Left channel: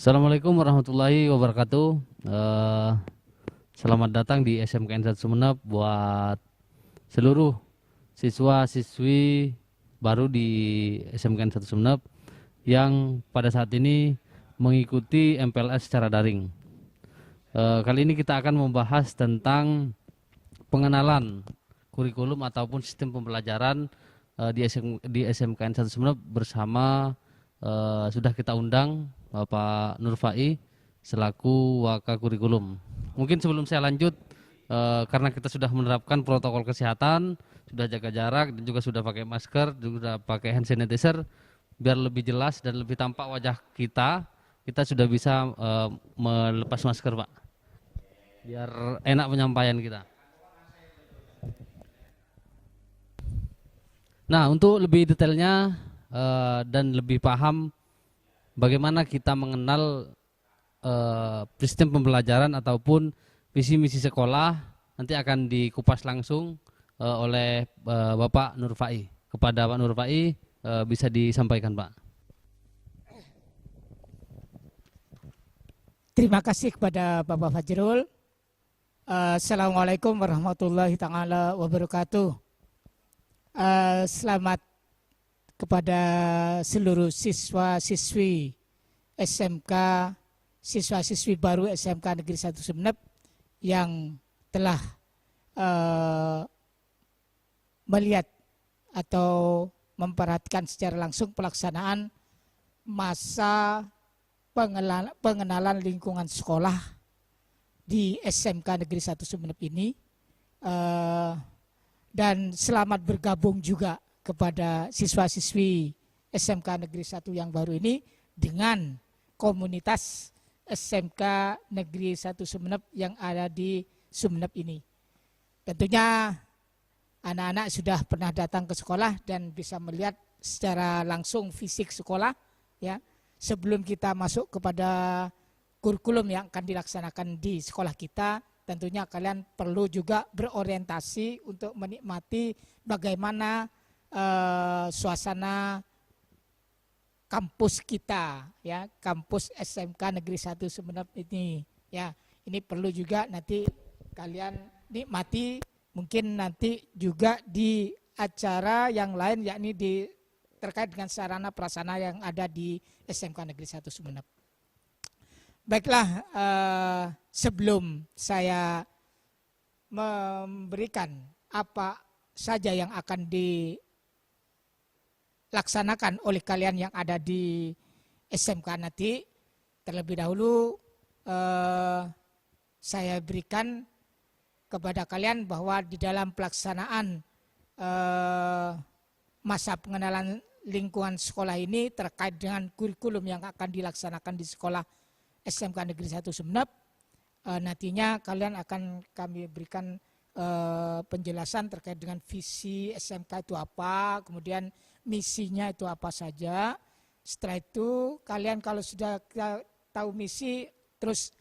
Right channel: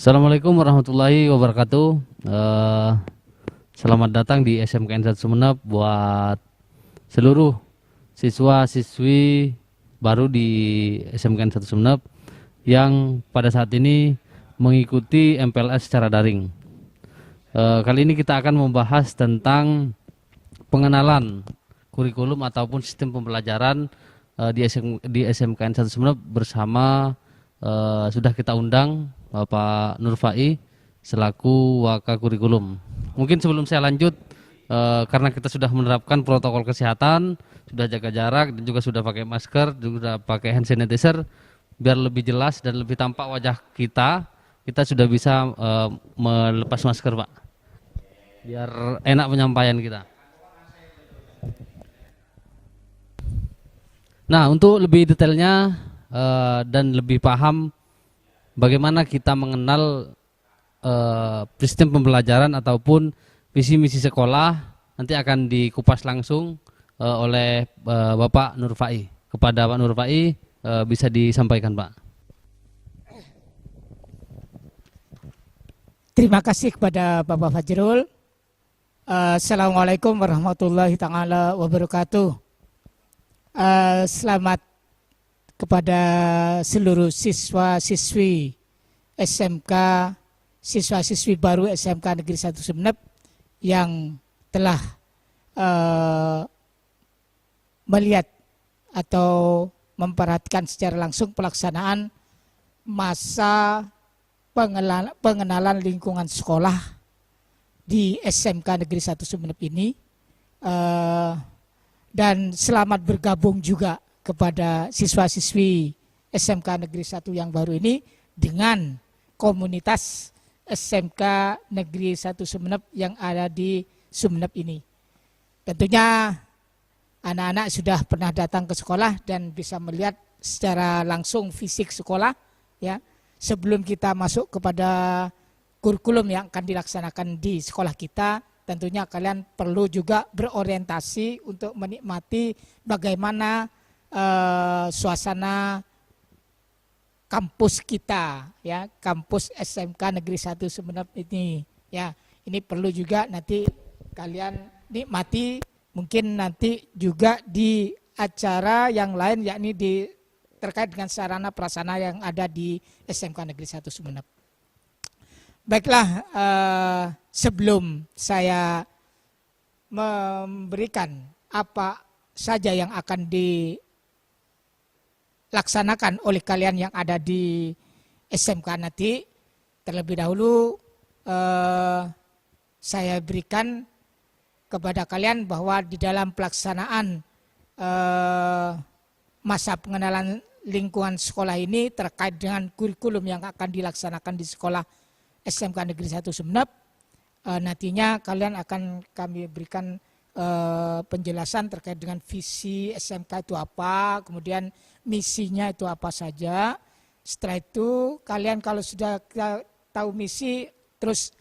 Assalamualaikum warahmatullahi wabarakatuh. Eh, Selamat datang di SMKN 1 Sumeneb buat seluruh siswa-siswi baru di SMKN 1 Sumeneb yang pada saat ini mengikuti MPLS secara daring. Kali ini kita akan membahas tentang pengenalan kurikulum ataupun sistem pembelajaran di SMKN 1 Sumeneb bersama sudah kita undang Bapak Nurfai selaku Waka Kurikulum. Mungkin sebelum saya lanjut, karena kita sudah menerapkan protokol kesehatan, sudah jaga jarak dan juga sudah pakai masker, juga pakai hand sanitizer, biar lebih jelas dan lebih tampak wajah kita, kita sudah bisa melepas masker, Pak. Biar enak penyampaian kita. Nah, untuk lebih detailnya dan lebih paham bagaimana kita mengenal sistem pembelajaran ataupun visi misi sekolah, nanti akan dikupas langsung oleh Bapak Nurfai. Kepada Pak Nurfai bisa disampaikan, Pak. Terima kasih kepada Bapak Fajrul. Assalamualaikum warahmatullahi taala wabarakatuh. Selamat kepada seluruh siswa-siswi SMK, siswa-siswi baru SMK Negeri 1 Sumeneb yang telah melihat atau memperhatikan secara langsung pelaksanaan masa pengenalan lingkungan sekolah di SMK Negeri 1 Sumeneb ini, dan selamat bergabung juga kepada siswa-siswi SMK Negeri 1 yang baru ini dengan komunitas SMK Negeri 1 Sumeneb yang ada di Sumeneb ini. Tentunya anak-anak sudah pernah datang ke sekolah dan bisa melihat secara langsung fisik sekolah, ya. Sebelum kita masuk kepada kurikulum yang akan dilaksanakan di sekolah kita, tentunya kalian perlu juga berorientasi untuk menikmati bagaimana suasana kampus kita, ya, kampus SMK Negeri 1 Sumeneb ini, ya. Ini perlu juga nanti kalian nikmati, mungkin nanti juga di acara yang lain, yakni terkait dengan sarana prasarana yang ada di SMK Negeri 1 Sumeneb. Baiklah, sebelum saya memberikan apa saja yang akan dilaksanakan oleh kalian yang ada di SMK nanti, terlebih dahulu saya berikan kepada kalian bahwa di dalam pelaksanaan masa pengenalan lingkungan sekolah ini terkait dengan kurikulum yang akan dilaksanakan di sekolah SMK Negeri 1 Sumeneb, nantinya kalian akan kami berikan penjelasan terkait dengan visi SMK itu apa, kemudian misinya itu apa saja. Setelah itu kalian kalau sudah tahu misi, terus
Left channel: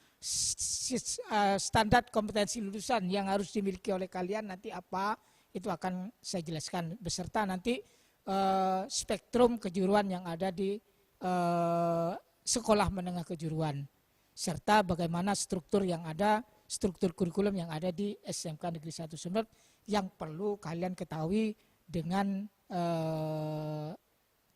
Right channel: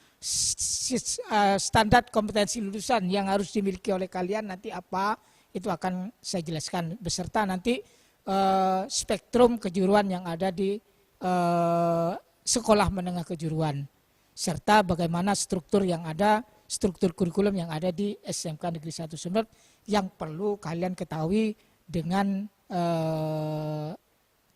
standar kompetensi lulusan yang harus dimiliki oleh kalian nanti apa, itu akan saya jelaskan beserta nanti spektrum kejuruan yang ada di sekolah menengah kejuruan, serta bagaimana struktur yang ada, struktur kurikulum yang ada di SMK Negeri 1 Sumeneb yang perlu kalian ketahui dengan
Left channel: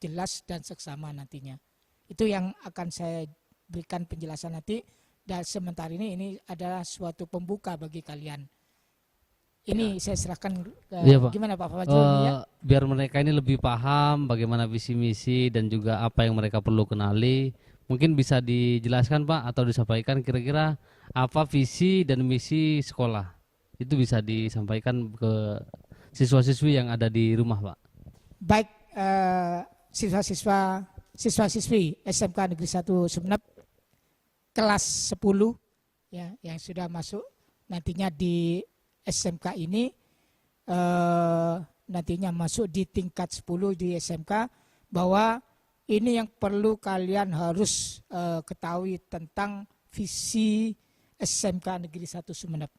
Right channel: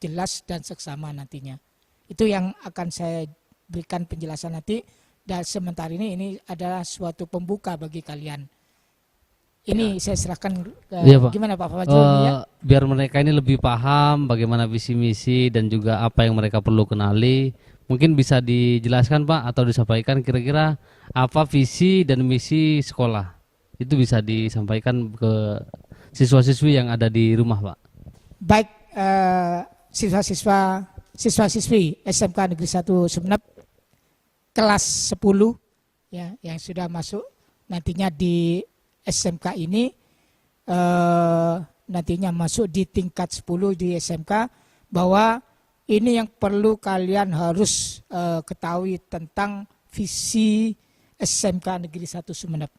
jelas dan seksama nantinya. Itu yang akan saya berikan penjelasan nanti, dan sementara ini adalah suatu pembuka bagi kalian. Ini saya serahkan ke gimana Pak Fajrul ya? Biar mereka ini lebih paham bagaimana visi misi dan juga apa yang mereka perlu kenali. Mungkin bisa dijelaskan, Pak, atau disampaikan kira-kira apa visi dan misi sekolah. Itu bisa disampaikan ke siswa-siswi yang ada di rumah, Pak. Baik, siswa-siswi SMK Negeri 1 Sumeneb kelas 10 ya, yang sudah masuk nantinya di SMK ini, nantinya masuk di tingkat 10 di SMK, bahwa ini yang perlu kalian harus ketahui tentang visi SMK Negeri 1 Sumeneb.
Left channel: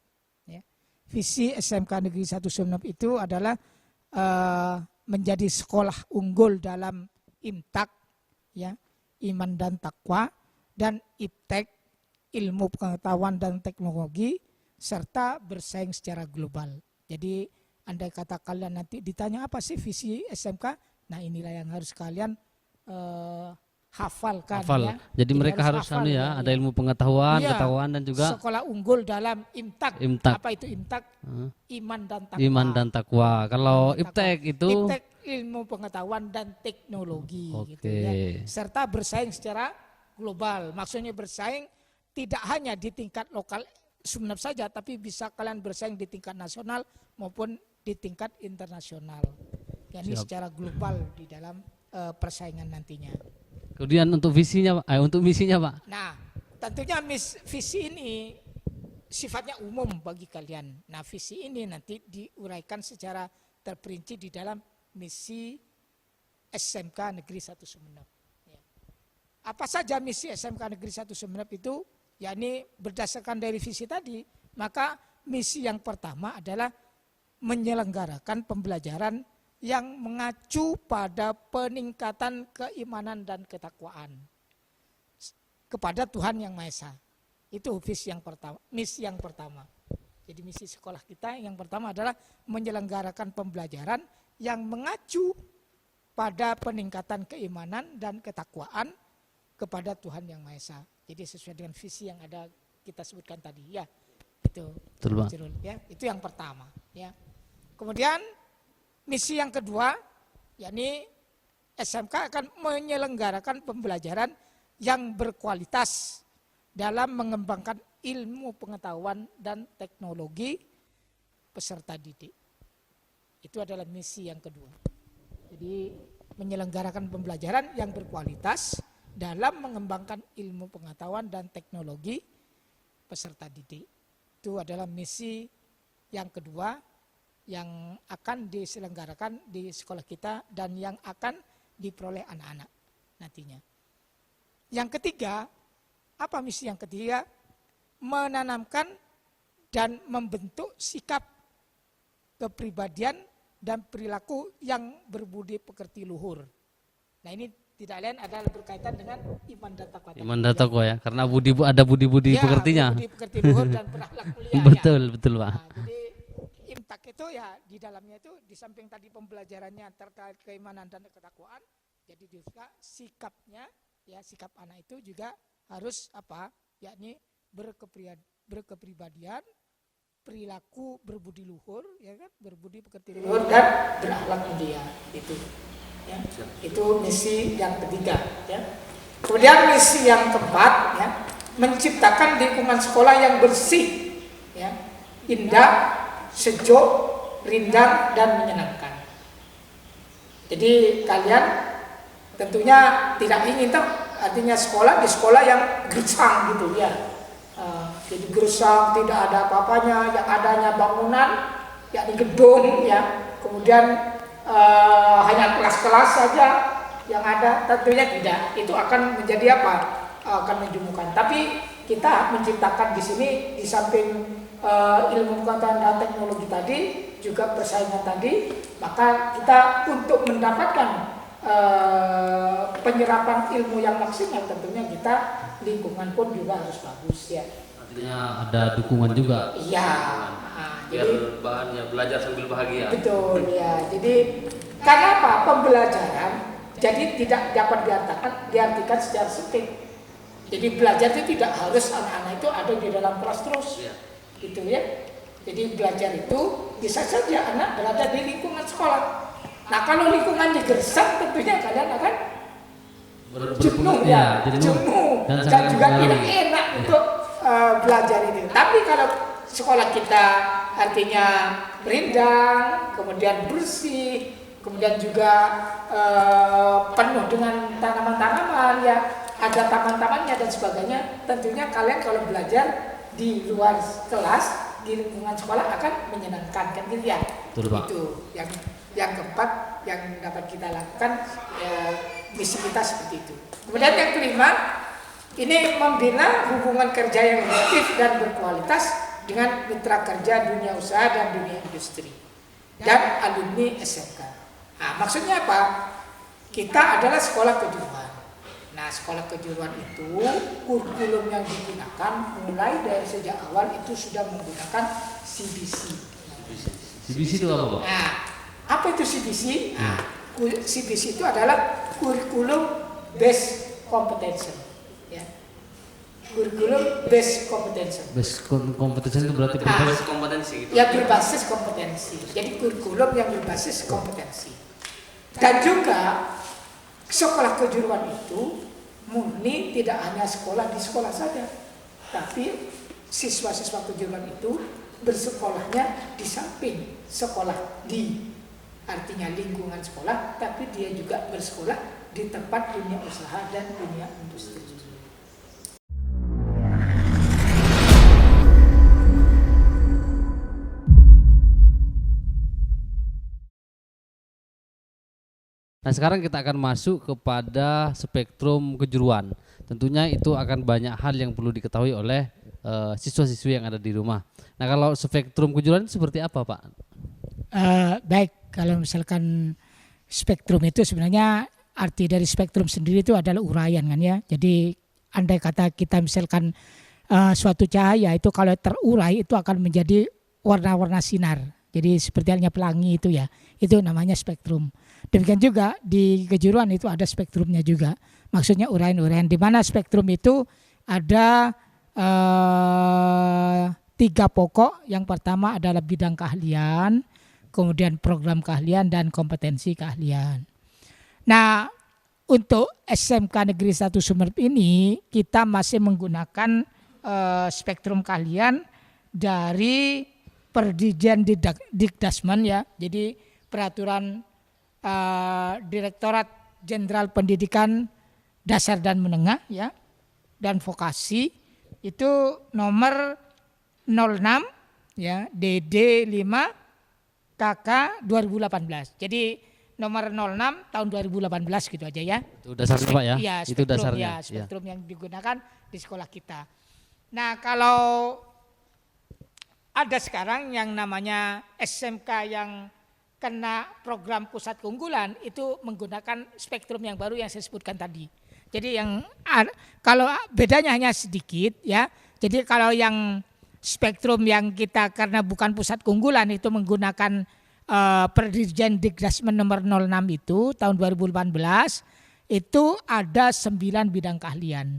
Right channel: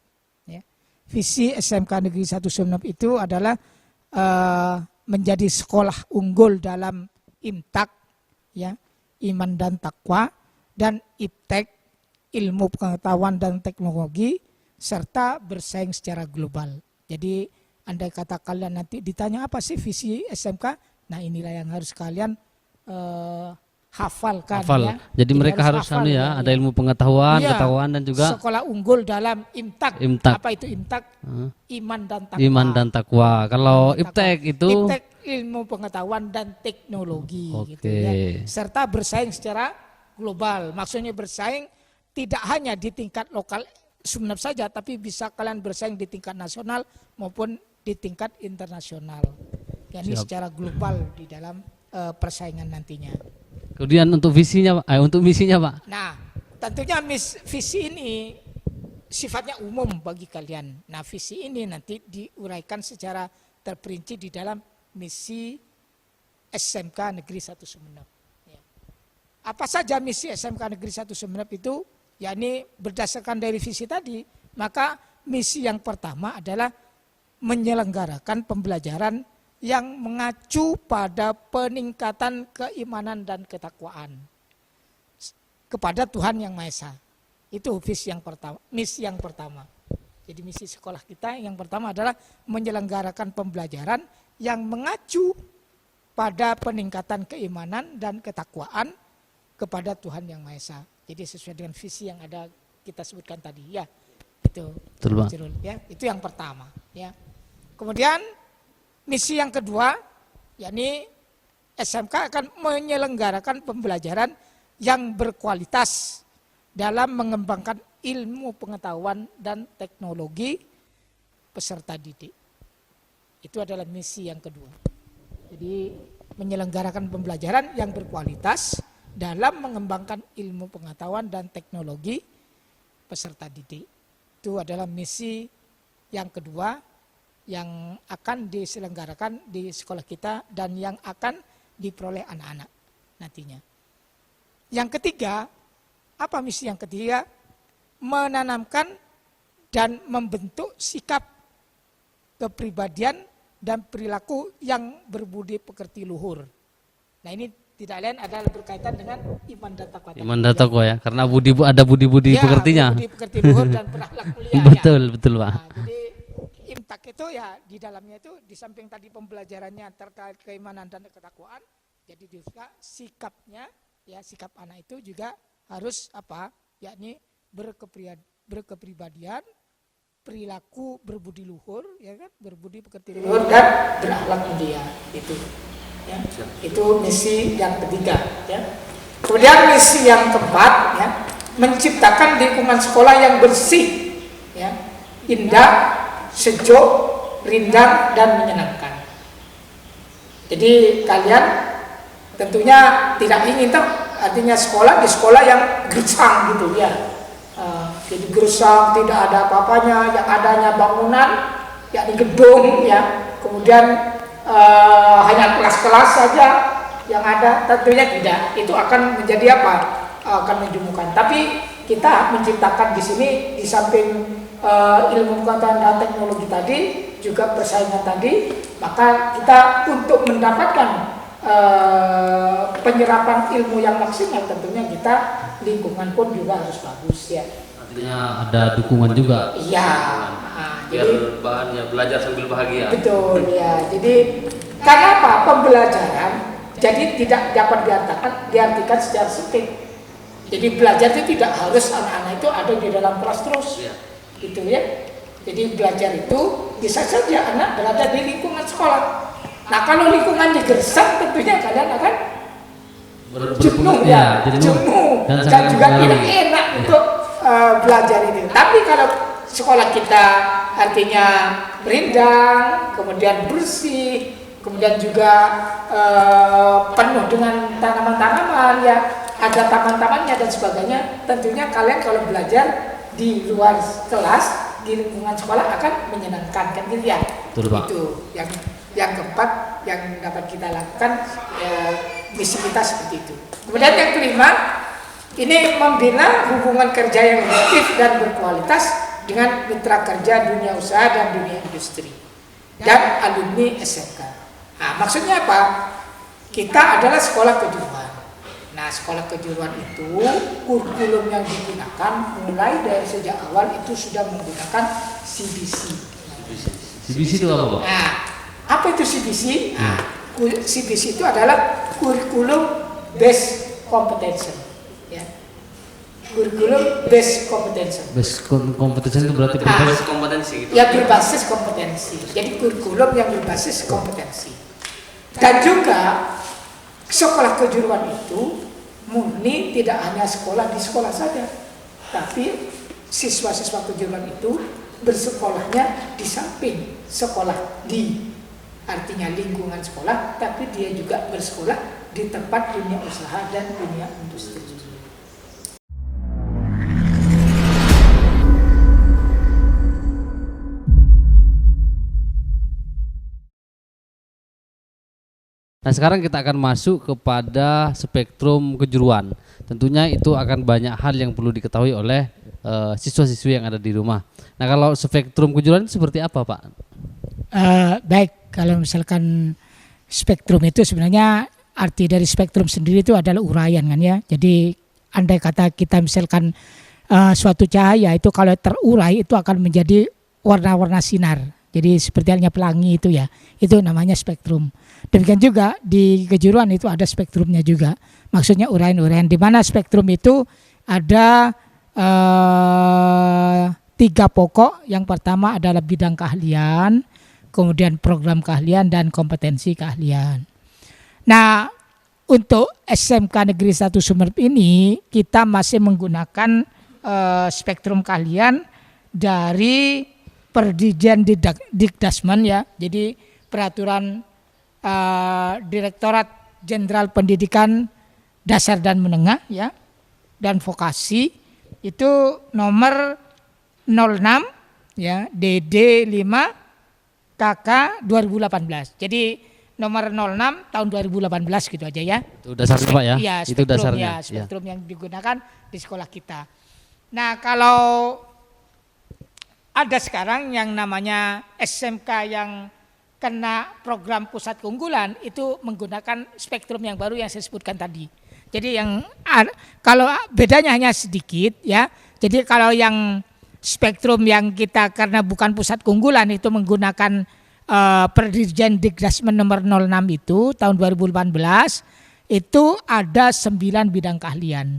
Ya. Visi SMK Negeri 1 Sumeneb itu adalah menjadi sekolah unggul dalam imtak, ya, iman dan takwa, dan iptek, ilmu pengetahuan dan teknologi, serta bersaing secara global. Jadi andai kata kalian nanti ditanya apa sih visi SMK, nah inilah yang harus kalian hafalkan. Hafal. Ya. Jadi mereka harus hafal, ada ilmu pengetahuan, Iya, ketahuan dan juga sekolah unggul dalam imtak. Imtak. Apa itu imtak? Iman dan takwa. iman dan takwa. Kalau Iman dan iptek takwa. itu Iptek ilmu pengetahuan dan teknologi. Gitu, ya. Serta bersaing secara global. Maksudnya bersaing tidak hanya di tingkat lokal Sumeneb saja, tapi bisa kalian bersaing di tingkat nasional maupun di tingkat internasional. Yani secara global di dalam persaingan nantinya. kemudian untuk visinya, Pak, untuk misinya, Pak. Nah, tentunya visi ini sifatnya umum bagi kalian. Nah, visi ini nanti diuraikan secara terperinci di dalam misi SMK Negeri 1 Sumeneb. Ya. Apa saja misi SMK Negeri 1 Sumeneb itu? Yakni berdasarkan dari visi tadi, maka misi yang pertama adalah menyelenggarakan pembelajaran yang mengacu pada peningkatan keimanan dan ketakwaan kepada Tuhan Yang Maha Esa. Itu visi yang pertama, misi yang pertama. Jadi misi sekolah kita yang pertama adalah menyelenggarakan pembelajaran yang mengacu pada peningkatan keimanan dan ketakwaan kepada Tuhan Yang Maha Esa. Jadi sesuai dengan visi yang ada kita sebutkan tadi, ya. Itu. Betul, Pak. Ya, itu yang pertama, ya. Kemudian misi yang kedua, yakni SMK akan menyelenggarakan pembelajaran yang berkualitas dalam mengembangkan ilmu pengetahuan dan teknologi peserta didik. Itu adalah misi yang kedua. Jadi menyelenggarakan pembelajaran yang berkualitas dalam mengembangkan ilmu pengetahuan dan teknologi peserta didik. Itu adalah misi yang kedua yang akan diselenggarakan di sekolah kita dan yang akan diperoleh anak-anak nantinya. Yang ketiga, apa misi yang ketiga? Menanamkan dan membentuk sikap kepribadian dan perilaku yang berbudi pekerti luhur. Nah, ini tidak lain adalah berkaitan dengan iman dan takwa. Iman dan takwa, ya, karena ada budi-budi pekertinya. Budi pekerti luhur dan berakhlak mulia. Betul, betul, Pak. Nah, jadi imtak itu ya di dalamnya itu di samping tadi pembelajarannya terkait keimanan dan ketakwaan, jadi juga sikapnya, ya, sikap anak itu juga harus apa? Yakni berkepribadian, perilaku berbudi luhur, ya kan, berbudi pekerti luhur dan berakhlak mulia itu. Ya, itu misi yang ketiga, ya. Kemudian misi yang keempat, ya, menciptakan lingkungan sekolah yang bersih, ya, indah, sejuk, rindang dan menyenangkan. Jadi kalian tentunya tidak ingin artinya sekolah di sekolah yang gersang gitu, ya. Jadi gersang, tidak ada apa-apanya, yang adanya bangunan, yakni gedung, ya. Kemudian hanya kelas-kelas saja yang ada, tentunya tidak. Itu akan menjadi apa? Akan menjemukan. Tapi kita menciptakan di sini di samping ilmu pengetahuan dan teknologi tadi, juga persaingan tadi, maka kita untuk mendapatkan penyerapan ilmu yang maksimal, tentunya kita lingkungan pun juga harus bagus, ya. Artinya ada dukungan juga. Iya. Biar bahannya belajar sambil bahagia. Betul, ya. Jadi karena apa? Pembelajaran jadi tidak dapat diartikan secara sempit. Jadi belajar itu tidak harus anak-anak itu ada di dalam kelas terus, gitu, ya. Jadi belajar itu bisa saja anak berada di lingkungan sekolah. Nah, kalau lingkungan digersang, tentunya kalian akan jenuh, ya, jenuh dan juga tidak enak untuk belajar itu. Tapi kalau sekolah kita artinya rindang, kemudian bersih, kemudian juga penuh dengan tanaman-tanaman, ya, ada taman-tamannya dan sebagainya, tentunya kalian kalau belajar di luar kelas di lingkungan sekolah akan menyenangkan, kan, gitu, ya. Betul, Pak. Itu yang keempat yang dapat kita lakukan, misi kita seperti itu. Kemudian yang kelima, ini membina hubungan kerja yang efektif dan berkualitas dengan mitra kerja dunia usaha dan dunia industri dan alumni SMK. Nah, maksudnya apa? Kita adalah sekolah kejuruan. Nah, Nah, sekolah kejuruan itu kurikulum yang digunakan mulai dari sejak awal itu sudah menggunakan CBC. CBC itu apa, Pak? Nah, apa itu CBC? Nah, CBC itu adalah kurikulum based competence. Ya. Kurikulum based competence. Base kompetensi itu berarti berbasis kompetensi gitu. Ya, berbasis kompetensi. Jadi kurikulum yang berbasis kompetensi. Dan juga sekolah kejuruan itu murni tidak hanya sekolah di sekolah saja, tapi siswa-siswa kejuruan itu bersekolahnya di samping sekolah di artinya lingkungan sekolah, tapi dia juga bersekolah di tempat dunia usaha dan dunia industri. Nah, sekarang kita akan masuk kepada spektrum kejuruan. Tentunya itu akan banyak hal yang perlu diketahui oleh siswa-siswi yang ada di rumah. Nah, kalau spektrum kejuruan itu seperti apa, Pak? Baik, kalau misalkan spektrum itu sebenarnya arti dari spektrum sendiri itu adalah uraian kan ya. Jadi andai kata kita misalkan suatu cahaya itu kalau terurai itu akan menjadi warna-warna sinar. Jadi seperti halnya pelangi itu ya, itu namanya spektrum. Demikian juga di kejuruan itu ada spektrumnya juga. Maksudnya uraian-uraian di mana spektrum itu ada 3 pokok. Yang pertama adalah bidang keahlian, kemudian program keahlian dan kompetensi keahlian. Nah, untuk SMK Negeri 1 Sumeneb ini kita masih menggunakan spektrum keahlian dari Perdijen Dikdasmen ya. Jadi peraturan Direktorat Jenderal Pendidikan Dasar dan Menengah ya dan Vokasi itu nomor 06 ya DD 5 KK 2018. Jadi nomor 06 tahun 2018 gitu aja ya. Itu dasarnya, Pak ya? Ya Itu dasarnya. Ya, spektrum yang digunakan di sekolah kita. Nah, kalau ada sekarang yang namanya SMK yang kena program pusat keunggulan itu menggunakan spektrum yang baru yang saya sebutkan tadi. Jadi yang kalau bedanya hanya sedikit ya. Jadi kalau yang spektrum yang kita karena bukan pusat keunggulan itu menggunakan Perdirjen Dikdasmen nomor 06 itu tahun 2018 itu ada 9 bidang keahlian.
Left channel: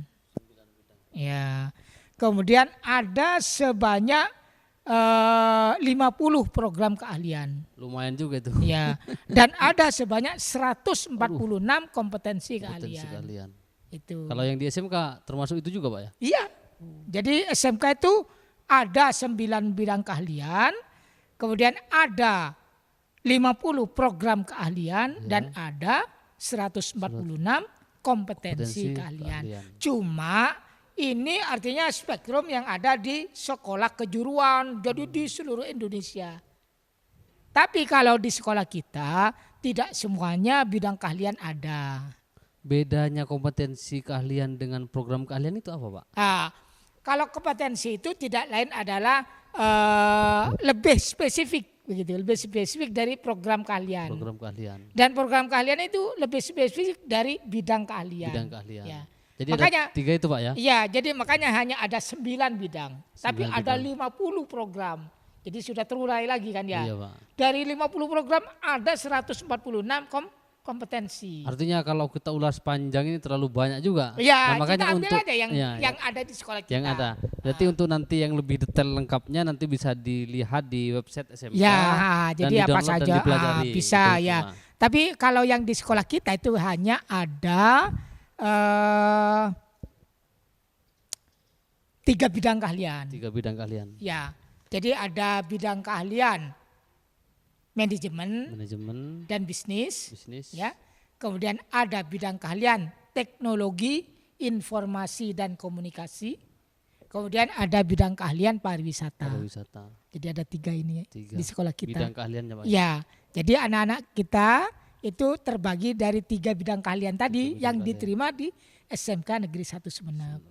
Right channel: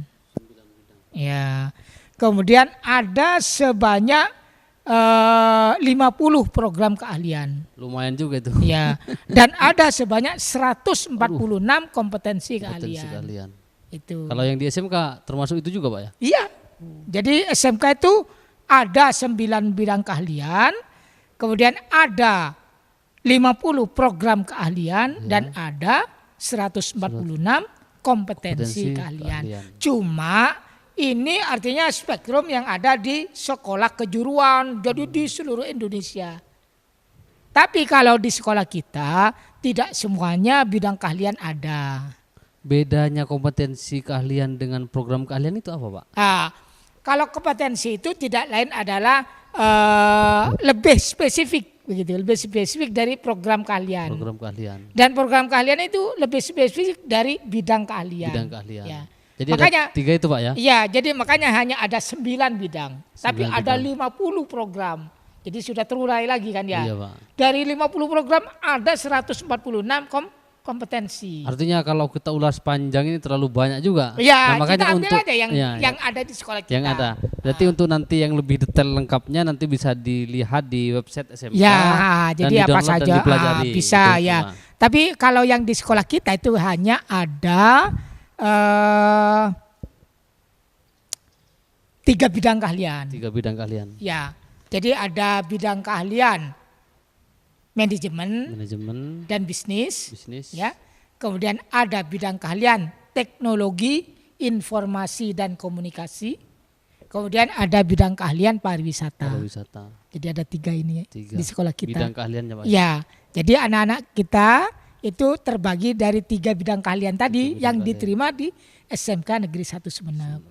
Ya. Kemudian ada sebanyak 50 program keahlian. Lumayan juga itu. Ya. Dan ada sebanyak 146 kompetensi keahlian. Itu. Kalau yang di SMK termasuk itu juga, Pak ya? Iya. Jadi SMK itu ada 9 bidang keahlian, kemudian ada 50 program keahlian dan ada 146 kompetensi keahlian. Cuma ini artinya spektrum yang ada di sekolah kejuruan, jadi di seluruh Indonesia. Tapi kalau di sekolah kita tidak semuanya bidang keahlian ada. Bedanya kompetensi keahlian dengan program keahlian itu apa, Pak? Nah, kalau kompetensi itu tidak lain adalah lebih spesifik, begitu, lebih spesifik dari program keahlian. Program keahlian. Dan program keahlian itu lebih spesifik dari bidang keahlian. Bidang keahlian. Ya. Jadi makanya, ada 3 itu, Pak ya? Iya, jadi makanya hanya ada 9 bidang. 9 tapi bidang. Ada 50 program. Jadi sudah terurai lagi kan ya. Iya, Pak. Dari 50 program ada 146 kompetensi. Artinya kalau kita ulas panjang ini terlalu banyak juga. Ya, nah makanya untuk yang ada di sekolah kita. Yang ada. Berarti untuk nanti yang lebih detail lengkapnya nanti bisa dilihat di website SMK dan di-download dan dipelajari. Bisa itu, ya. Tapi kalau yang di sekolah kita itu hanya ada 3 bidang keahlian. 3 bidang keahlian. Ya. Jadi ada bidang keahlian manajemen dan bisnis. Ya. Kemudian ada bidang keahlian teknologi, informasi dan komunikasi. Kemudian ada bidang keahlian pariwisata. Jadi ada 3 ini ya, di sekolah kita. Bidang keahliannya, Pak. Ya. Jadi anak-anak kita itu terbagi dari 3 bidang keahlian tadi yang diterima di SMK Negeri 1 Sumeneb.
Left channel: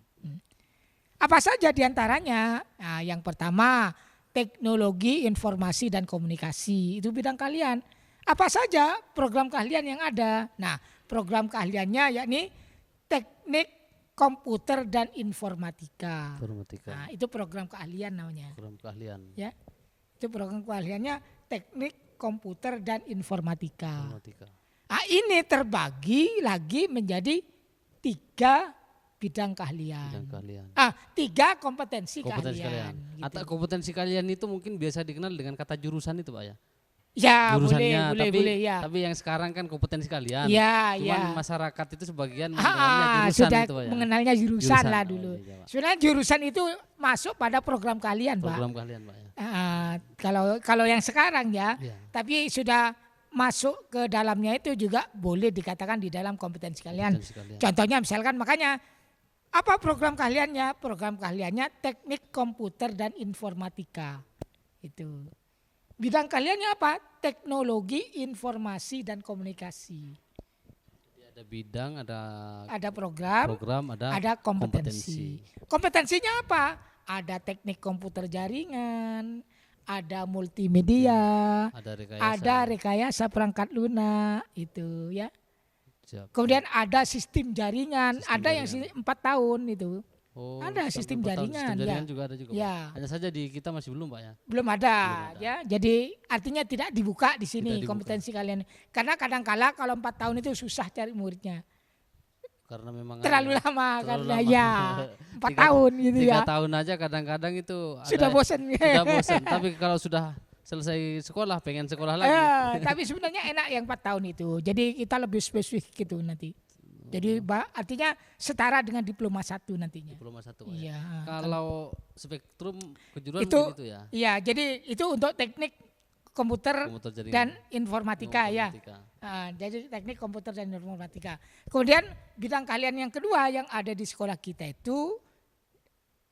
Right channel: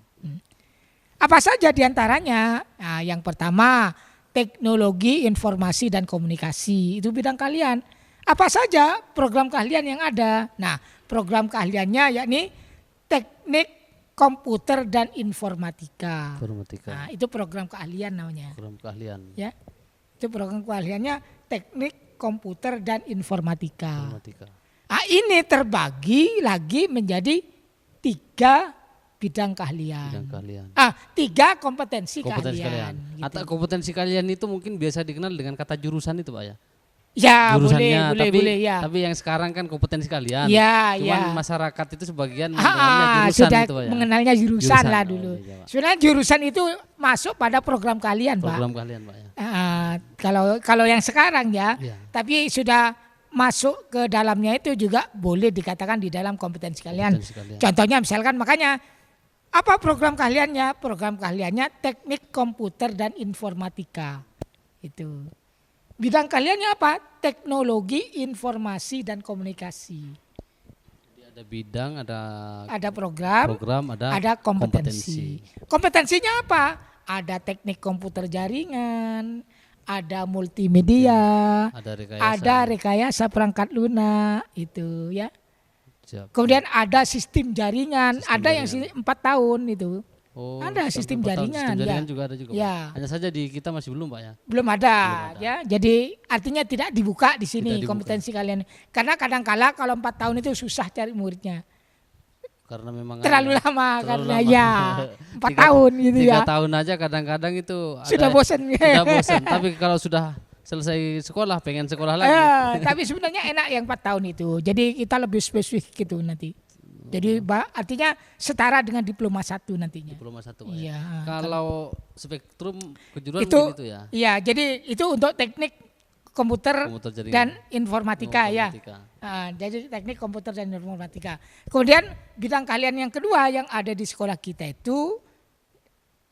Apa saja diantaranya? Nah, yang pertama teknologi, informasi dan komunikasi itu bidang keahlian. Apa saja program keahlian yang ada? Nah, program keahliannya yakni teknik komputer dan informatika. Informatika. Nah, itu program keahlian namanya. Program keahlian. Ya, itu program keahliannya teknik komputer dan informatika. Informatika. Nah, ini terbagi lagi menjadi 3 bidang keahlian. Bidang keahlian. 3 kompetensi Kalian. Gitu. Atau kompetensi kalian itu mungkin biasa dikenal dengan kata jurusan itu, Pak ya. Ya, Jurusannya, boleh, ya. tapi yang sekarang kan kompetensi kalian. Ya, Cuman ya. masyarakat itu sebagian mendengarnya jurusan sudah itu, Pak ya. mengenalnya jurusan lah dulu. Oh, iya, Pak. Sebenarnya jurusan itu masuk pada program kalian, Program keahlian, Pak ya. Kalau yang sekarang ya, Iya. tapi sudah masuk ke dalamnya itu juga boleh dikatakan di dalam kompetensi kalian. Kompetensi kalian. Contohnya misalkan makanya apa program keahliannya? Program keahliannya teknik komputer dan informatika. Itu. Bidang keahliannya apa? Teknologi informasi dan komunikasi. Jadi ada bidang, Ada program, ada kompetensi. Kompetensinya apa? Ada teknik komputer jaringan, ada multimedia, ada rekayasa perangkat lunak itu ya. Siap. Kemudian ada sistem jaringan, yang 4 tahun itu. Oh, ada sampai sistem 4 tahun. jaringan, Sistem jaringan ya. juga ada juga, Pak. Ya. Hanya saja di kita masih belum, Pak ya. Belum ada. ada. Ya. Jadi artinya tidak dibuka di sini Tidak dibuka. kompetensi kalian. Karena kadang-kala kalau 4 tahun itu susah cari muridnya. Karena memang Terlalu lama. Terlalu karena lama. Ya, 4 tahun gitu 3 ya. tahun aja kadang-kadang itu Sudah ada bosan. sudah bosan. Tapi kalau sudah selesai sekolah pengen sekolah lagi. Tapi sebenarnya enak yang 4 tahun itu. Jadi kita lebih spesifik gitu nanti. Jadi artinya setara dengan diploma 1 nantinya. Diploma 1, Pak ya. Iya. Kalau spektrum kejuruan Itu, mungkin itu ya. Iya, jadi itu untuk teknik komputer jaringan dan informatika. Ya. Jadi teknik komputer dan informatika. Kemudian bidang keahlian yang kedua yang ada di sekolah kita itu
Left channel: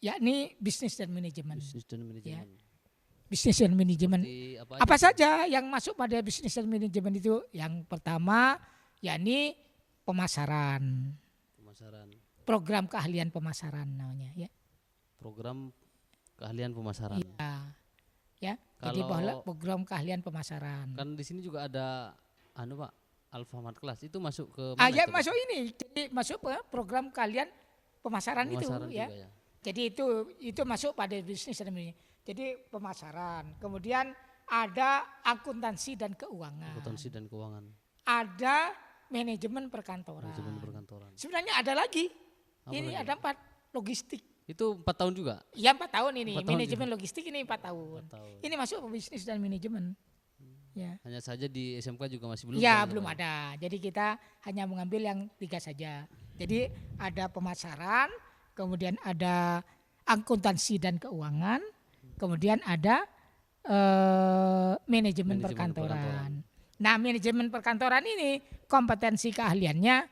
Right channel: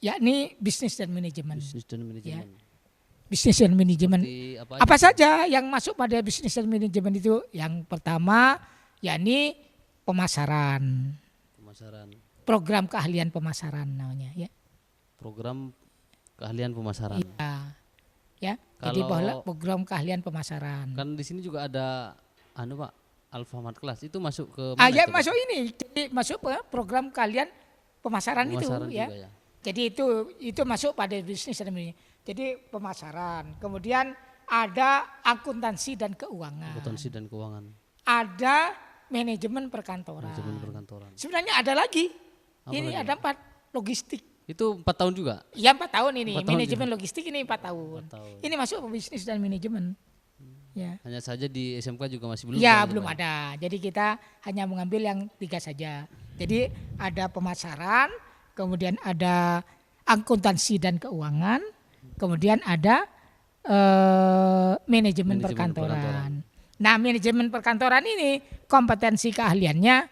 yakni bisnis dan manajemen. Bisnis dan manajemen. Ya. Bisnis dan manajemen. Seperti apa saja yang masuk pada bisnis dan manajemen itu? Yang pertama yakni pemasaran. Program keahlian pemasaran namanya ya. Program keahlian pemasaran. Iya. Ya. Kalau program keahlian pemasaran. Kan di sini juga ada Pak, Alfamart Kelas. Itu masuk ke mana itu, Pak? Masuk ini. Jadi masuk program keahlian pemasaran juga ya. Jadi itu masuk pada bisnis dan manajemen. Jadi pemasaran. Kemudian ada akuntansi dan keuangan. Ada manajemen perkantoran. Sebenarnya ada lagi. Ini ada 4 logistik. Itu 4 tahun juga? Iya 4 tahun ini. 4 tahun manajemen juga. Logistik ini 4 tahun. Ini masuk bisnis dan manajemen. Ya. Hanya saja di SMK juga masih belum. Ya belum ada. Jadi kita hanya mengambil yang 3 saja. Jadi ada pemasaran, kemudian ada akuntansi dan keuangan, kemudian ada manajemen perkantoran. Nah, manajemen perkantoran ini kompetensi keahliannya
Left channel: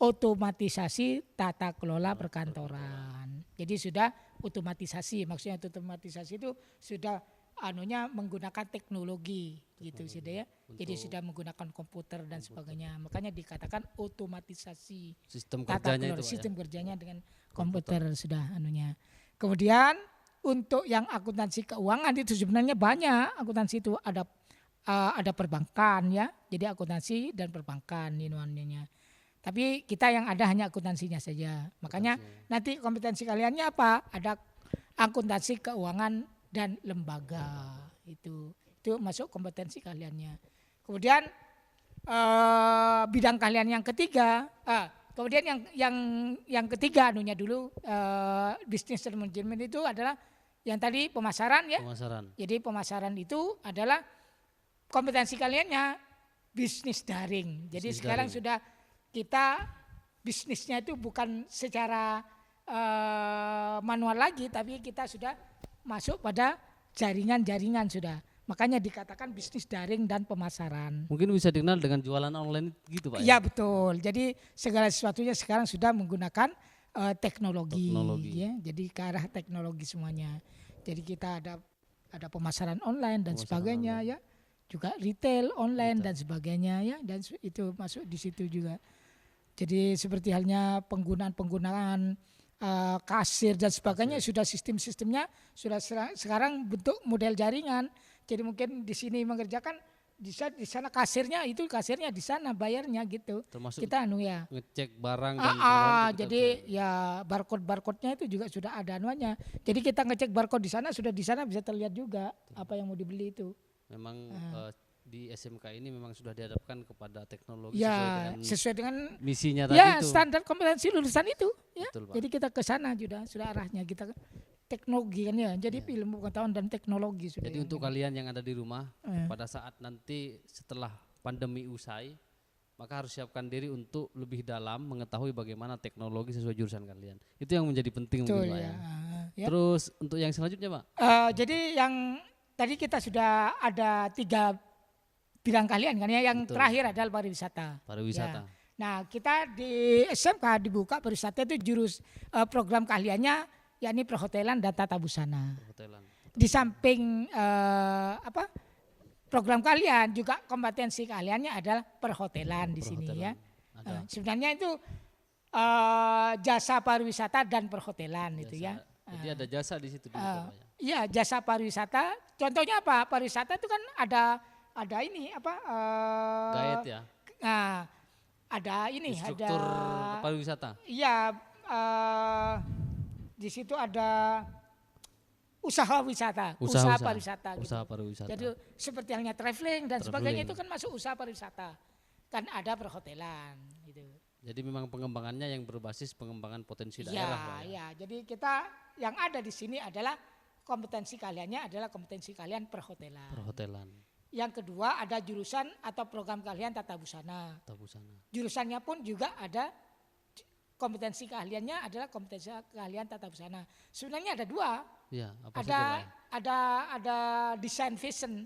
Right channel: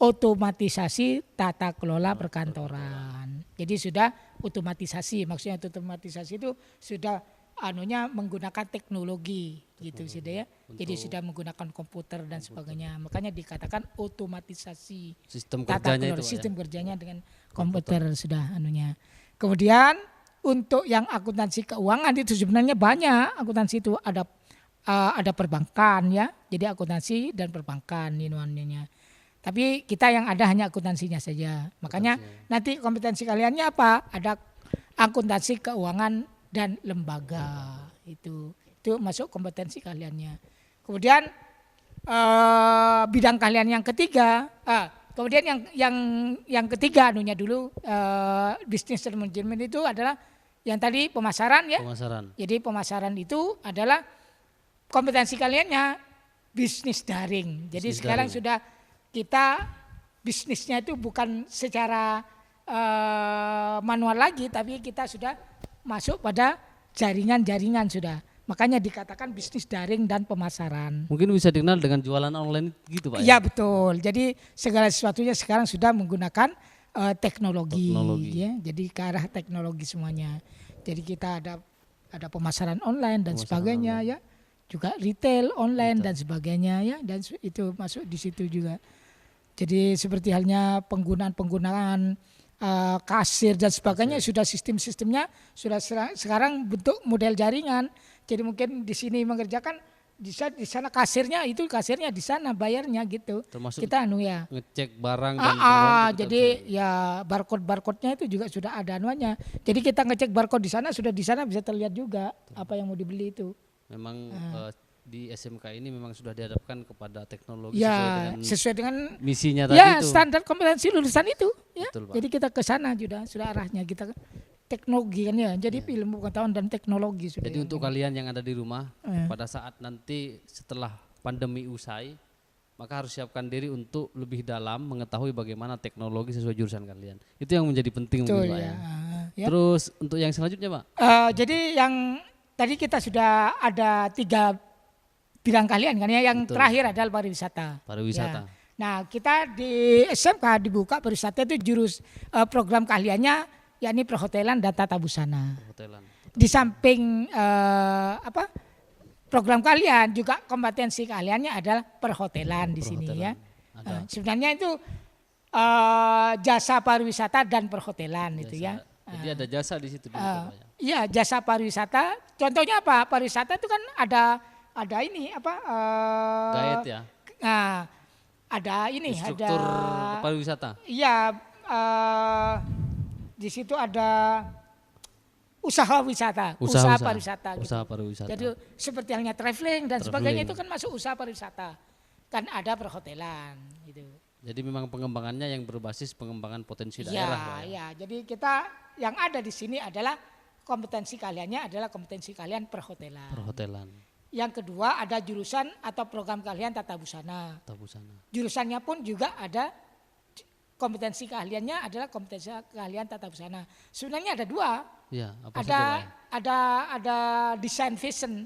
otomatisasi tata kelola perkantoran. Jadi sudah otomatisasi, maksudnya otomatisasi itu sudah menggunakan teknologi gitu sudah ya. Jadi sudah menggunakan komputer dan sebagainya. Makanya dikatakan otomatisasi. Sistem kerjanya itu, Pak ya. Sistem kerjanya dengan komputer sudah Kemudian untuk yang akuntansi keuangan itu sebenarnya banyak. Akuntansi itu ada perbankan ya, jadi akuntansi dan perbankan ini. Tapi kita yang ada hanya akuntansinya saja. Makanya nanti kompetensi kaliannya apa? Ada akuntansi keuangan dan lembaga. Itu masuk kompetensi kaliannya. Kemudian bidang kalian yang ketiga, kemudian yang ketiga dulu bisnis dan manajemen itu adalah yang tadi pemasaran ya. Jadi pemasaran itu adalah kompetensi kaliannya bisnis daring. Jadi sekarang sudah kita bisnisnya itu bukan secara manual lagi, tapi kita sudah masuk pada jaringan-jaringan sudah. Makanya dikatakan bisnis daring dan pemasaran. Mungkin bisa dikenal dengan jualan online gitu, Pak ya? Iya betul. Jadi segala sesuatunya sekarang sudah menggunakan teknologi. Ya. Jadi ke arah teknologi semuanya. Jadi kita ada pemasaran online dan sebagainya ya. Juga retail online dan sebagainya ya, dan itu masuk di situ juga. Jadi seperti halnya penggunaan kasir dan sebagainya sudah sistemnya sudah sekarang bentuk model jaringan. Jadi mungkin di sini mengerjakan di sana kasirnya di sana bayarnya gitu. Termasuk Kita ya. ngecek barang dan pengeluaran juga kita Jadi bisa. ya barcode-barcode-nya itu juga sudah ada anuannya. Jadi kita ngecek barcode di sana di sana bisa terlihat juga apa yang mau dibeli itu. Memang di SMK ini memang sudah dihadapkan kepada teknologi Ya, sesuai dengan dengan misinya tadi itu. standar kompetensi lulusan itu. Ya. Betul, Pak. Jadi kita ke sana sudah arahnya kita teknologi kan ya. Jadi ilmu pengetahuan dan teknologi sudah. Jadi untuk kalian yang ada di rumah, pada saat nanti setelah pandemi usai, maka harus siapkan diri untuk lebih dalam mengetahui bagaimana teknologi sesuai jurusan kalian. Itu yang menjadi penting mungkin Pak ya. Ya. Terus untuk yang selanjutnya Pak? Jadi yang tadi kita sudah ada 3 bidang kalian kan ya. Yang Betul. terakhir adalah pariwisata. Pariwisata. Ya. Nah kita di SMK dibuka pariwisata itu program keahliannya yakni perhotelan dan tata busana. Perhotelan. Di samping program kalian juga kompetensi kaliannya adalah perhotelan di sini ya. Ada. Sebenarnya itu jasa pariwisata dan perhotelan Jasa. gitu ya. Jadi ada jasa di situ dulu Pak ya. Iya, jasa pariwisata. Contohnya apa? Pariwisata itu kan ada ini apa? Guide ya. Nah, ada ini. Instruktur ada, pariwisata. Iya. Di situ ada usaha wisata, pariwisata. Usaha pariwisata. Jadi seperti halnya traveling dan sebagainya itu kan masuk usaha pariwisata. Kan ada perhotelan gitu. Jadi memang pengembangannya yang berbasis pengembangan potensi daerah Pak ya. Ya, jadi kita yang ada di sini adalah kompetensi kaliannya adalah kompetensi kalian perhotelan. Perhotelan. Yang kedua ada jurusan atau program kalian tata busana. Tata busana. Jurusannya pun juga ada kompetensi keahliannya adalah kompetensi keahlian tata busana. Sebenarnya ada 2. Iya, apa saja Pak ya? Ada desain fashion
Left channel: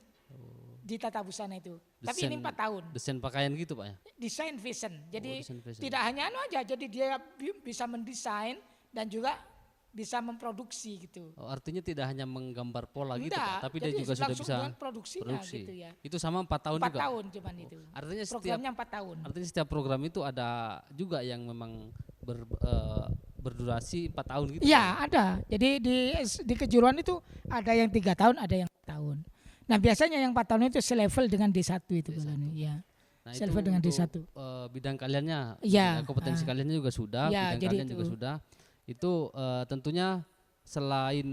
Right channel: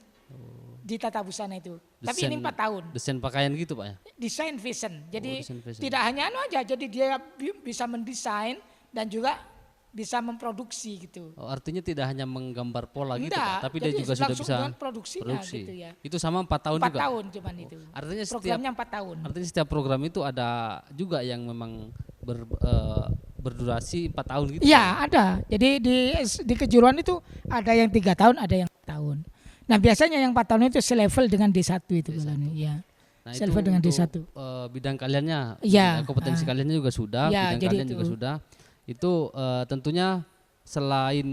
di tata busana itu. Desain, tapi ini 4 tahun. Desain pakaian gitu Pak ya? Desain fashion. Jadi desain fashion. tidak hanya aja, jadi dia bisa mendesain dan juga bisa memproduksi gitu. Oh, artinya tidak hanya menggambar pola gitu Tidak, Pak, tapi dia juga sudah bisa produksi. Gitu ya. Itu sama 4 tahun 4 juga. tahun cuman itu. Artinya Programnya 4 tahun. Artinya setiap program itu ada juga yang memang berdurasi 4 tahun gitu. Iya, ada. Jadi di kejuruan itu ada yang 3 tahun, ada yang 4 tahun. Nah, biasanya yang 4 tahun itu selevel dengan D1 itu. D1. Ya. Nah, itu dengan untuk D1. Bidang kaliannya, Ya, kompetensi kaliannya juga sudah, bidang kalian juga sudah. Itu tentunya selain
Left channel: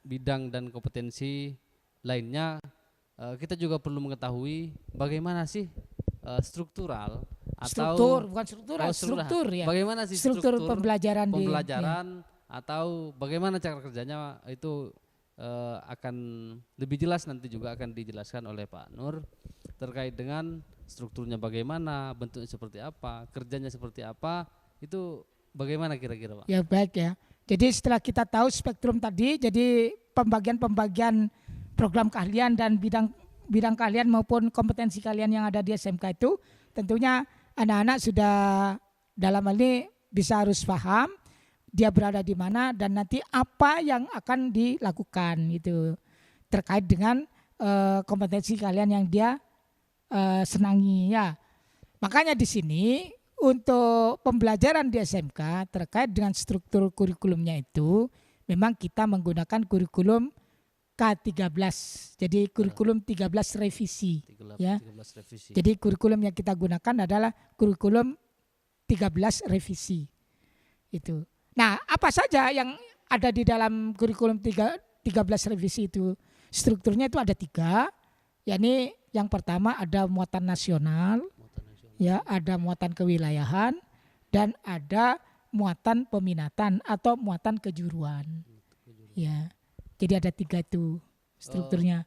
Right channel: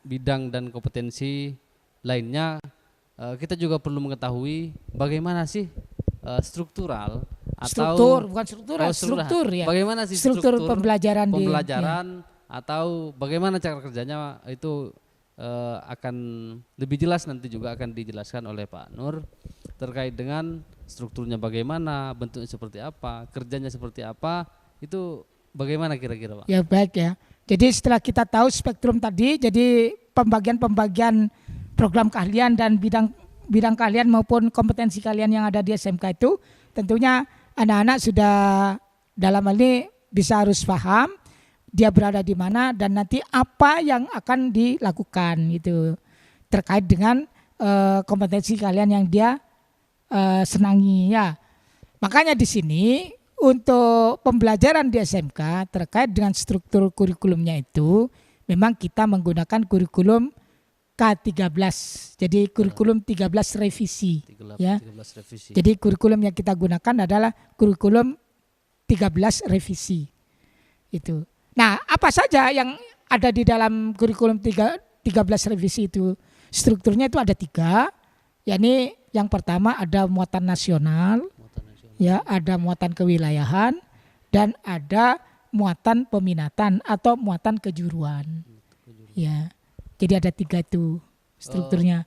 bidang dan kompetensi lainnya, kita juga perlu mengetahui bagaimana sih struktural atau struktur, ya. Bagaimana sih struktur pembelajaran atau bagaimana cara kerjanya itu akan lebih jelas nanti juga akan dijelaskan oleh Pak Nur terkait dengan strukturnya bagaimana, bentuknya seperti apa, kerjanya seperti apa, itu bagaimana kira-kira Pak? Ya baik ya. Jadi setelah kita tahu spektrum tadi, jadi pembagian program keahlian dan bidang keahlian maupun kompetensi kalian yang ada di SMK itu, tentunya anak-anak sudah dalam hal ini bisa harus paham dia berada di mana dan nanti apa yang akan dilakukan gitu terkait dengan kompetensi kalian yang dia senangi ya. Makanya di sini untuk pembelajaran di SMK terkait dengan struktur kurikulumnya itu memang kita menggunakan kurikulum K13. Jadi kurikulum 13 revisi. 13 revisi. Jadi kurikulum yang kita gunakan adalah kurikulum 13 revisi. Itu. Nah, apa saja yang ada di dalam kurikulum 13 revisi itu? Strukturnya itu ada 3. Yakni yang pertama ada muatan nasional, ya, ada muatan kewilayahan, dan ada muatan peminatan atau muatan kejuruan. Ya, jadi ada 3 itu strukturnya.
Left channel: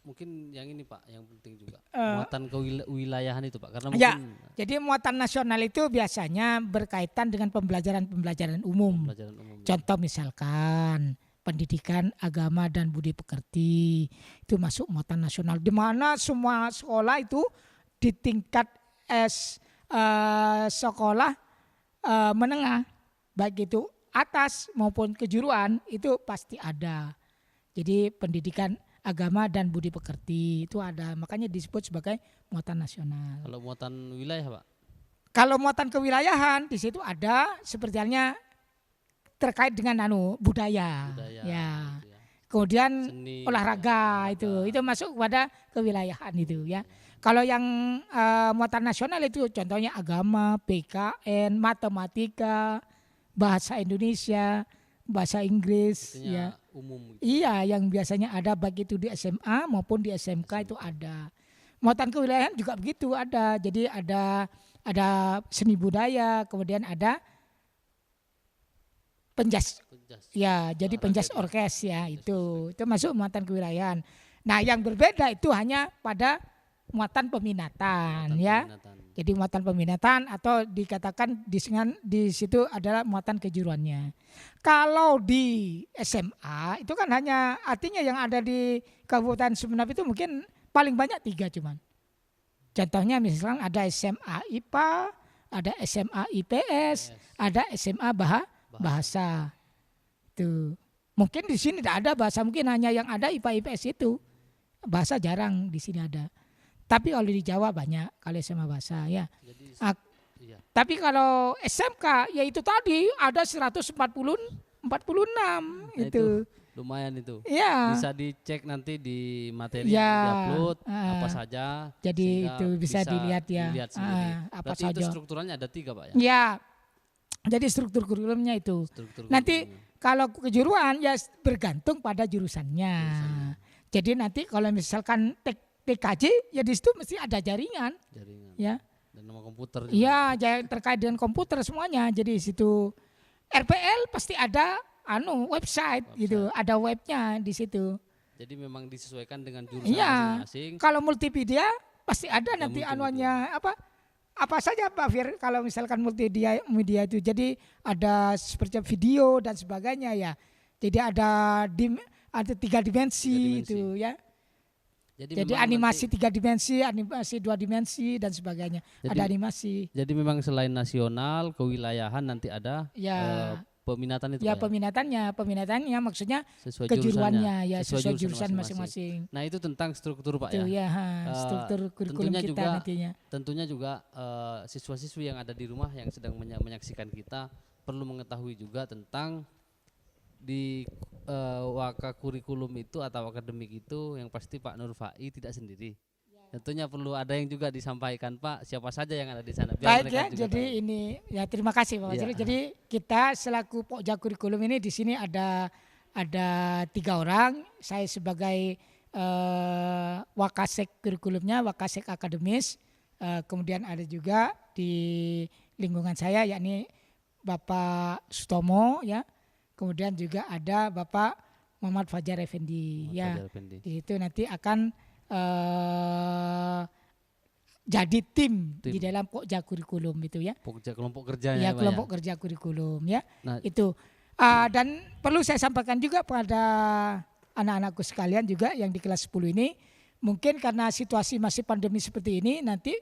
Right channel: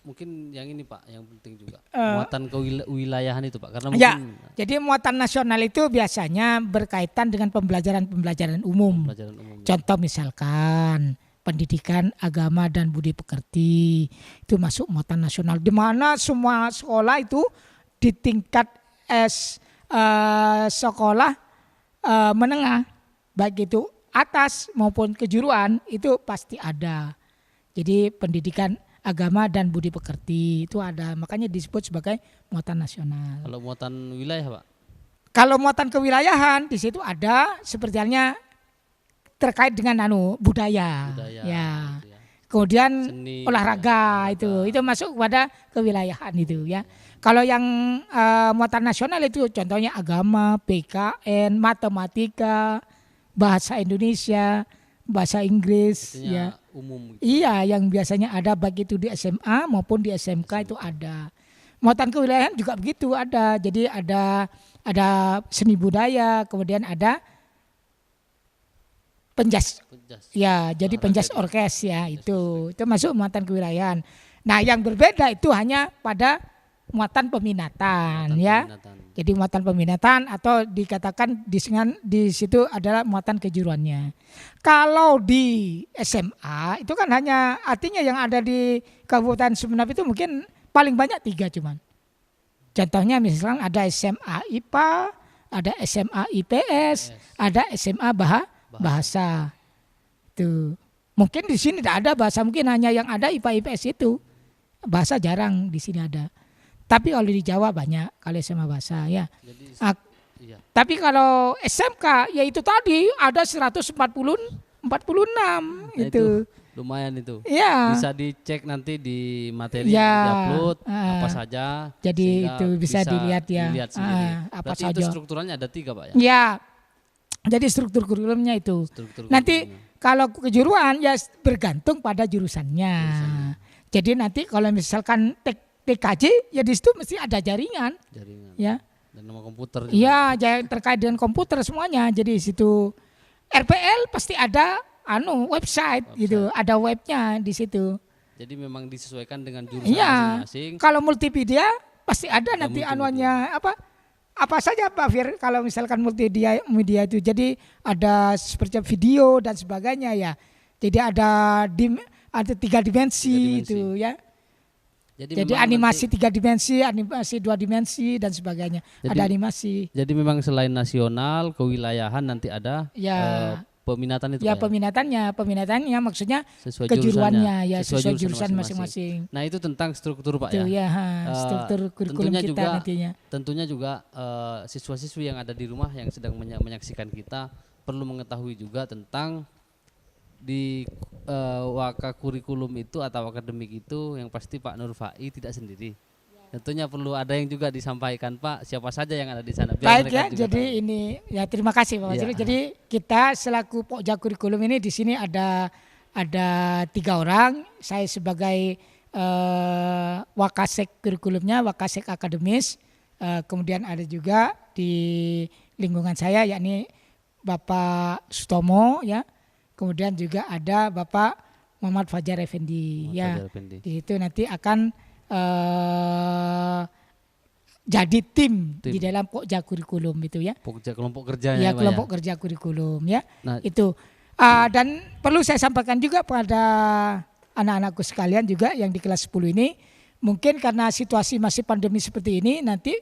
Mungkin yang ini Pak, yang penting juga muatan kewilayahan itu Pak, karena mungkin jadi muatan nasional itu biasanya berkaitan dengan pembelajaran umum. Contoh misalkan pendidikan agama dan budi pekerti itu masuk muatan nasional, di mana semua sekolah itu di tingkat sekolah menengah baik itu atas maupun kejuruan itu pasti ada. Jadi pendidikan agama dan budi pekerti itu ada, makanya disebut sebagai muatan nasional. Kalau muatan wilayah Pak? Kalau muatan kewilayahan di situ ada seperti halnya terkait dengan budaya ya. Itu ya. Kemudian seni, olahraga itu masuk pada kewilayahan itu ya. Kalau yang muatan nasional itu contohnya agama, PKN, matematika, bahasa Indonesia, bahasa Inggris. Artinya Ya. umum gitu. Iya, yang biasanya ada baik itu di SMA maupun di SMK itu ada. Muatan kewilayahan juga begitu ada. Jadi ada seni budaya, kemudian ada penjas. Penjas. Ya, jadi Olahraga penjas itu ya? orkes ya, Penjas itu masuk muatan kewilayahan. Nah, yang berbeda itu hanya pada muatan peminatan Muatan ya. peminatan. Jadi muatan peminatan atau dikatakan di situ adalah muatan kejuruannya. Kalau di SMA itu kan hanya artinya yang ada di Kabupaten Sumeneb itu mungkin paling banyak 3 cuman. Contohnya misalkan ada SMA IPA, ada SMA IPS, ada SMA bahasa. Tuh. Mungkin di sini tidak ada bahasa, mungkin hanya yang ada IPA IPS itu. Bahasa jarang di sini ada. Tapi kalau di Jawa banyak kalau SMA bahasa ya. Jadi iya. Tapi kalau SMK ya itu tadi ada 146 Nah itu lumayan itu. Ya. Bisa dicek nanti di materi Ya. yang diupload apa saja Jadi sehingga itu bisa dilihat ya. sendiri. Apa Berarti itu saja. strukturalnya ada 3 Pak ya? Ya. Jadi struktur kurikulumnya itu. Nanti kalau kejuruan ya bergantung pada jurusannya. Jadi nanti kalau misalkan TKJ ya di situ mesti ada jaringan. Ya. Dan nama komputer juga. Ya, terkait dengan komputer semuanya. Jadi di situ RPL pasti ada website gitu, ada webnya di situ. Jadi memang disesuaikan dengan jurusan masing-masing. Kalau multimedia pasti ada nanti multimedia. apa saja Pak Fir kalau misalkan multimedia itu. Jadi ada seperti video dan sebagainya ya. Jadi ada 3 dimensi itu ya. Jadi memang animasi nanti 3 dimensi, animasi 2 dimensi dan sebagainya. Ada animasi. Jadi memang selain nasional, kewilayahan nanti ada peminatan itu ya, Pak ya? Peminatannya maksudnya sesuai jurusannya, ya, sesuai jurusan masing-masing. Nah itu tentang struktur Pak ya. Struktur tentunya juga siswa-siswi yang ada di rumah yang sedang menyaksikan kita perlu mengetahui juga tentang di waka kurikulum itu atau akademik itu yang pasti Pak Nurfai tidak sendiri. Tentunya perlu ada yang juga disampaikan Pak, siapa saja yang ada di sana biar mereka juga jadi tahu. Ini ya terima kasih Pak. Jadi kita selaku Pokja Kurikulum ini di sini ada 3 orang. Saya sebagai Wakasek kurikulumnya, Wakasek akademis. Kemudian ada juga di lingkungan saya yakni Bapak Sutomo ya. Kemudian juga ada Bapak Muhammad Fajar Effendi. Itu nanti akan jadi tim di dalam Pokja Kurikulum itu ya. Pokja kelompok kerjanya ya, Pak ya. Kelompok kerja kurikulum ya. Nah, itu dan perlu saya sampaikan juga pada anak-anakku sekalian juga yang di kelas 10 ini, mungkin karena situasi masih pandemi seperti ini, nanti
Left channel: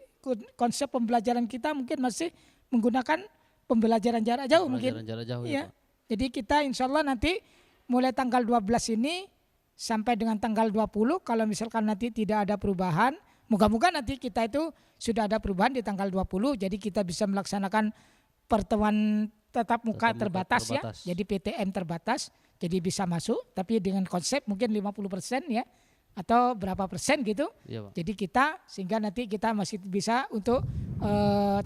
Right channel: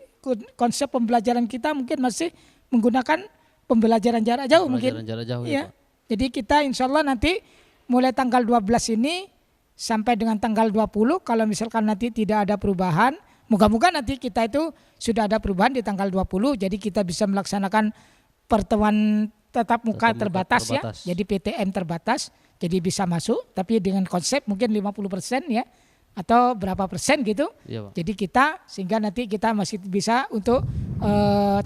konsep pembelajaran kita mungkin masih menggunakan pembelajaran jarak jauh. Jarak jauh ya Pak. Jadi kita insya Allah nanti mulai tanggal 12 ini sampai dengan tanggal 20 kalau misalkan nanti tidak ada perubahan, moga-moga nanti kita itu sudah ada perubahan di tanggal 20, jadi kita bisa melaksanakan pertemuan tatap muka terbatas ya, jadi PTM terbatas, jadi bisa masuk tapi dengan konsep mungkin 50% ya atau berapa persen gitu. Ya, Pak. Jadi kita sehingga nanti kita masih bisa untuk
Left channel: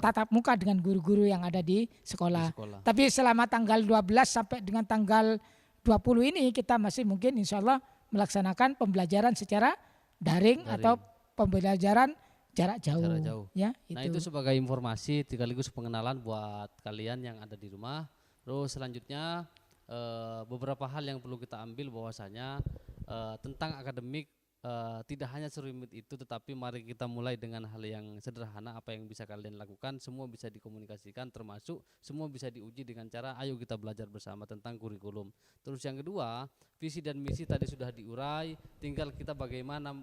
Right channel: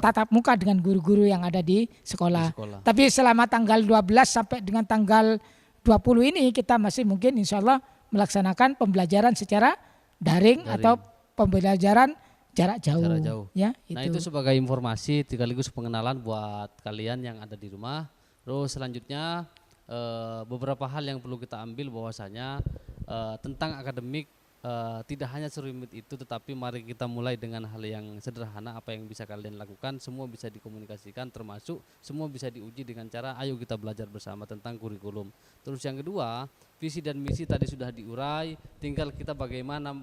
tatap muka dengan guru-guru yang ada di sekolah. Tapi selama tanggal 12 sampai dengan tanggal 20 ini kita masih mungkin insya Allah melaksanakan pembelajaran secara daring. Atau pembelajaran jarak jauh. Ya, nah itu sebagai informasi sekaligus pengenalan buat kalian yang ada di rumah. Terus selanjutnya beberapa hal yang perlu kita ambil bahwasanya tentang akademik tidak hanya serumit itu, tetapi mari kita mulai dengan hal yang sederhana. Apa yang bisa kalian lakukan semua bisa dikomunikasikan, termasuk semua bisa diuji dengan cara ayo kita belajar bersama tentang kurikulum. Terus yang kedua, visi dan misi tadi sudah diurai, tinggal kita bagaimana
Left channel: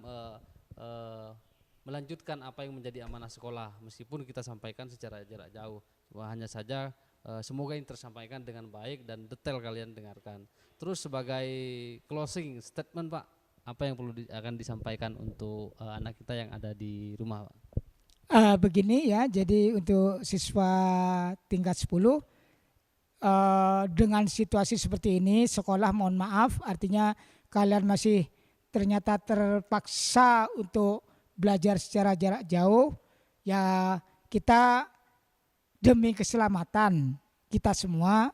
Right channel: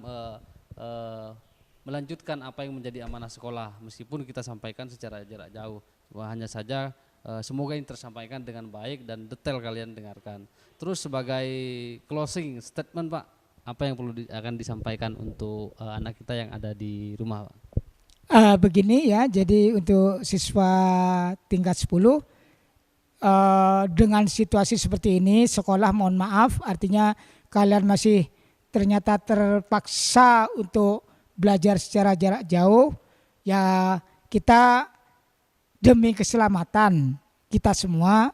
melanjutkan apa yang menjadi amanah sekolah meskipun kita sampaikan secara jarak jauh. Hanya saja semoga ini tersampaikan dengan baik dan detail kalian dengarkan. Terus sebagai closing statement Pak, apa yang perlu akan disampaikan untuk anak kita yang ada di rumah Pak? Begini ya, jadi untuk siswa tingkat 10 dengan situasi seperti ini sekolah mohon maaf, artinya kalian masih ternyata terpaksa untuk belajar secara jarak jauh, ya kita demi keselamatan kita semua,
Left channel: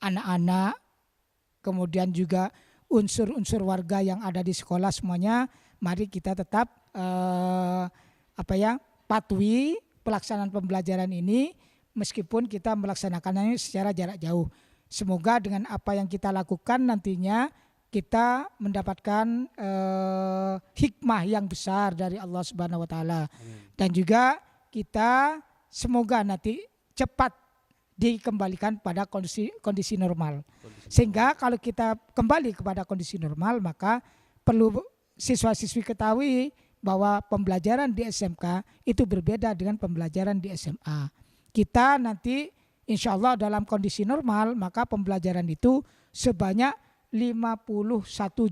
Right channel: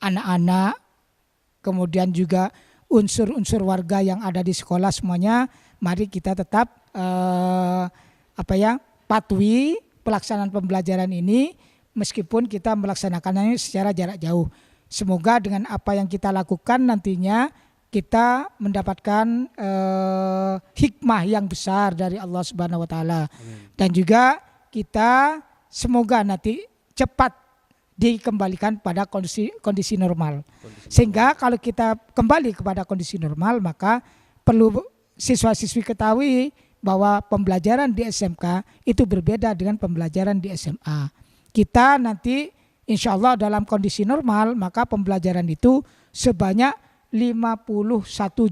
anak-anak, kemudian juga unsur-unsur warga yang ada di sekolah semuanya, mari kita tetap patuhi pelaksanaan pembelajaran ini meskipun kita melaksanakannya secara jarak jauh. Semoga dengan apa yang kita lakukan nantinya kita mendapatkan hikmah yang besar dari Allah Subhanahu wa taala. Dan juga kita semoga nanti cepat dikembalikan pada kondisi normal. Sehingga kalau kita kembali kepada kondisi normal, maka perlu siswa-siswi ketahui bahwa pembelajaran di SMK itu berbeda dengan pembelajaran di SMA. Kita nanti insya Allah dalam kondisi normal, maka pembelajaran itu sebanyak 51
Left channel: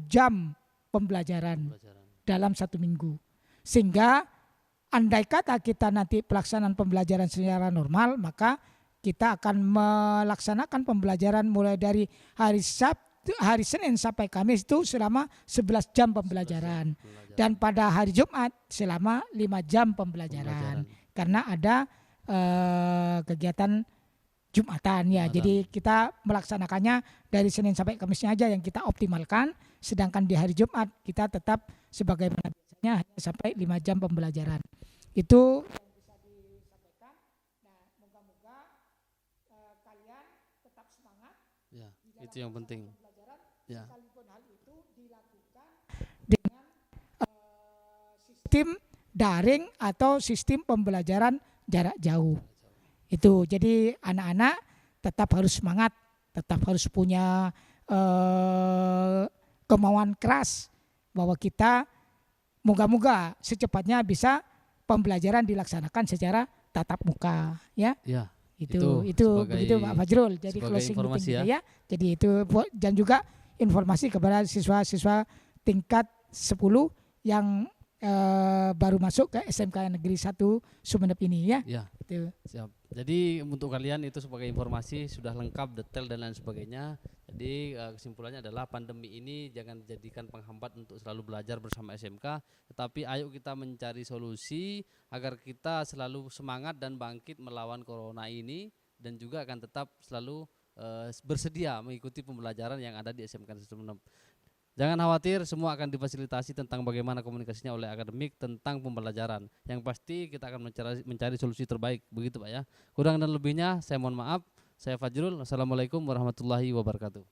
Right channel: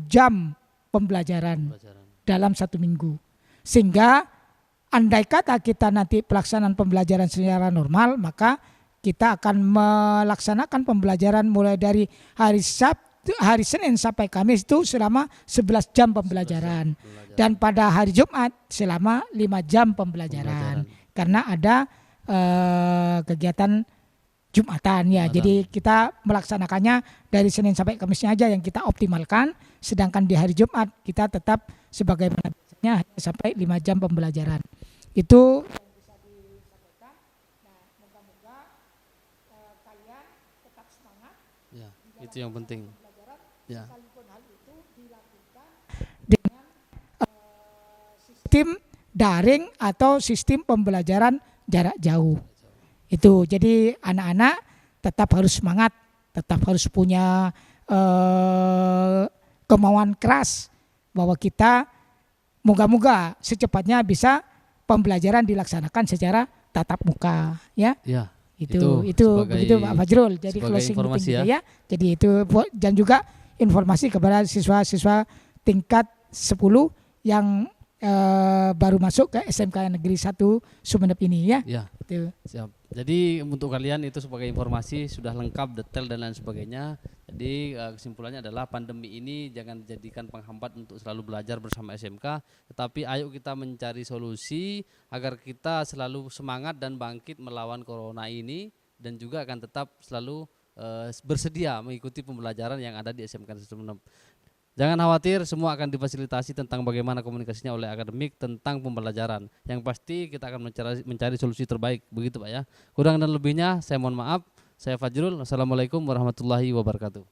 jam pembelajaran dalam 1 minggu. Sehingga andai kata kita nanti pelaksanaan pembelajaran secara normal, maka kita akan melaksanakan pembelajaran mulai dari hari Senin sampai Kamis itu selama 11 jam pembelajaran. Dan pada hari Jumat selama 5 jam pembelajaran. Karena ada kegiatan Jumatan ya. Jadi kita melaksanakannya dari Senin sampai Kamisnya aja yang kita optimalkan. Sedangkan di hari Jumat kita tetap sebagaimana biasanya hanya sampai 5 jam pembelajaran. Itu yang bisa disampaikan. Nah, moga-moga kalian tetap semangat. Ya, itu yang penting. Ya. Sekalipun hal itu dilakukan dengan sistem daring atau sistem pembelajaran jarak jauh. Itu jadi anak-anak tetap harus semangat, tetap harus punya kemauan keras bahwa kita moga-moga secepatnya bisa pembelajaran dilaksanakan secara tatap muka, ya. Ya. Itu sebagai Pak Fajrul. Jadi sebagai informasi ya. Jadi itu dan juga informasi kepada siswa-siswa tingkat 10 yang baru masuk ke SMK Negeri 1 Sumeneb ini ya. Ya. Itu. Siap. Jadi untuk kalian itu sebagai informasi sudah lengkap, detail dan lain sebagainya. Jadi kesimpulannya adalah pandemi ini jangan dijadikan penghambat untuk selalu belajar bersama SMK, tetapi ayo kita mencari solusi agar kita selalu semangat dan bangkit melawan corona ini dan juga akan tetap selalu bersedia mengikuti pembelajaran yang ada di SMK Sumeneb. Jangan khawatir, semua akan difasilitasi tentang bagaimana komunikasinya oleh akademik tentang pembelajaran. Yang pasti kita akan mencari solusi terbaik, begitu Pak ya. Kurang dan lebihnya saya mohon maaf. Saya Fajrul. Assalamualaikum warahmatullahi wabarakatuh.